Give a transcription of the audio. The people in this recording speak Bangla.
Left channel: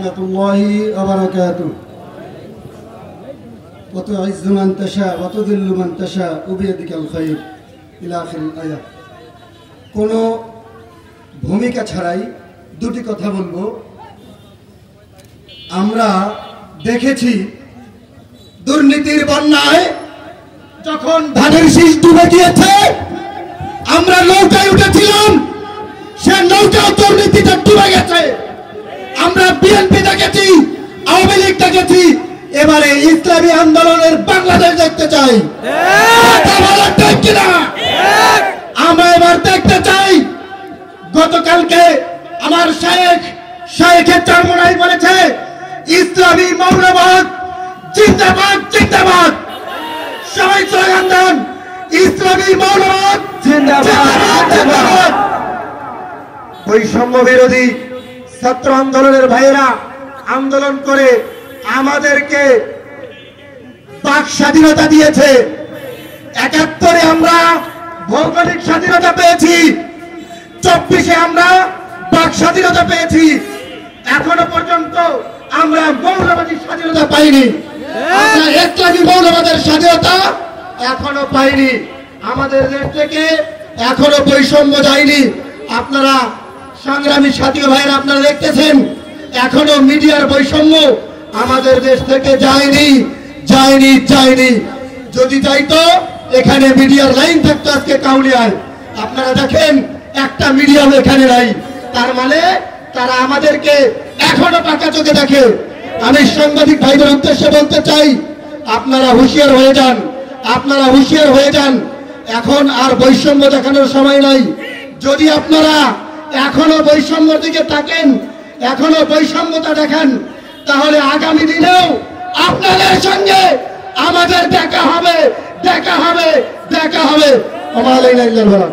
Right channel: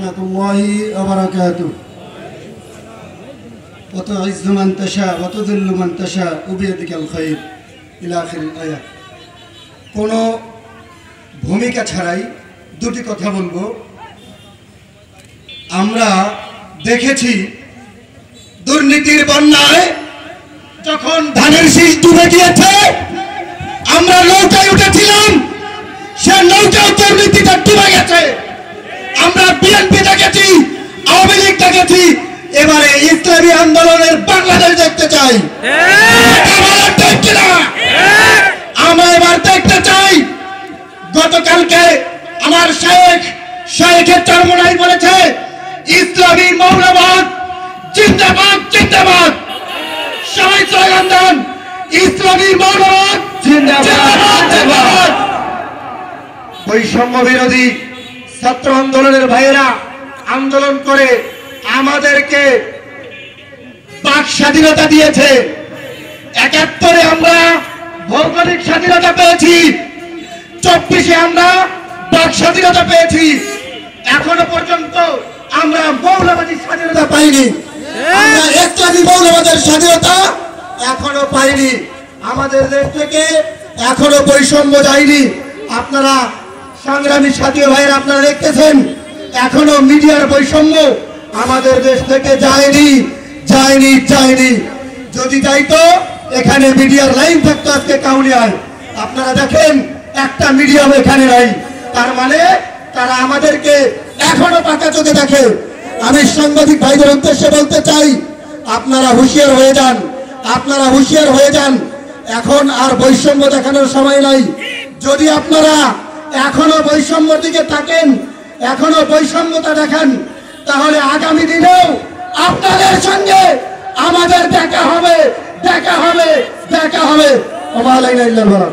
রহমতুল্লাহি ওয়া বারাকাতুহু। ওয়া তু'ইজ্জু মান তাশা ওয়া তুযিল্লু মান তাশা ওয়া বিয়াদিকাল খায়র ইলা আখিরিল আয়াত। কোন ভূমিকা ছাড়াই দুটি কথা বলবো। আমরা দেখেছি দুর্নীতির বন্যায় যখন ধানের শীষ ডুবে গিয়েছে, আমরা নৌকায় উঠেছিলাম, সে নৌকা দুর্নীতিতে ডুবে গেছে। আমরা বিএনপি দেখেছি, আওয়ামী লীগ দেখেছি, এবারে ইসলামী আন্দোলনের বাংলাদেশ দেখতে চাই। আমরা এবার দেখতে চাই, গতকালকে আমার শেখের চরমোনাই বলেছে ইসলামী মৌলবাদ জিন্দাবাদ জিন্দাবাদ। সবাই স্লোগান দেন, ইসলামী মৌলবাদ জিন্দাবাদ জিন্দাবাদ। বৈষম্য বিরোধী ছাত্র আন্দোলনের ভাইয়েরা আন্দোলন করে আমাদেরকে বাক স্বাধীনতা দিয়েছে। ৭১-এ আমরা ভৌগোলিক স্বাধীনতা পেয়েছি, ২৪-এ আমরা বাক স্বাধীনতা পেয়েছি। এখনো পর্যন্ত আমরা মৌলবাদী স্বাধীনতা পাইনি, আমরা ইসলামী মৌলবাদের স্বাধীনতা এখনো পাইনি। আমাদের দেশ থেকে এখনো বৈষম্য যায়নি। আপনারা সংগ্রামী সাথী ভাইরা আপনারা দেখতেছেন, এখনো মিডিয়ার বৈষম্য আমাদের দেশ থেকে যায়নি যায়নি যায়নি। যদি যাইতো এখানে মিডিয়ার লাইন থাকতো আজকে কাউলিয়ায়। আপনারা দেখেন একটা মিডিয়াম এখানে নাই, তার মানে তারা আমাদেরকে এখনো পাকা চোখে দেখে। আমি সাংবাদিক ভাইদের উদ্দেশ্যে বলতে চাই, আপনারা হুঁশিয়ার হয়ে যান, আপনারা হুঁশিয়ার হয়ে যান। এখন আর বৈষম্য দেখানোর সময় নাই। যদি আপনারা এখনো বৈষম্যের দিকে তাকেন, এখনো বৈষম্যতা দেখান, তাহলে আগামী দিনেও আপনাদের সঙ্গে আমাদের দেখা হবে দেখা হবে দেখা হবে। ওয়া আলাইনা ইল্লাল্লাহ।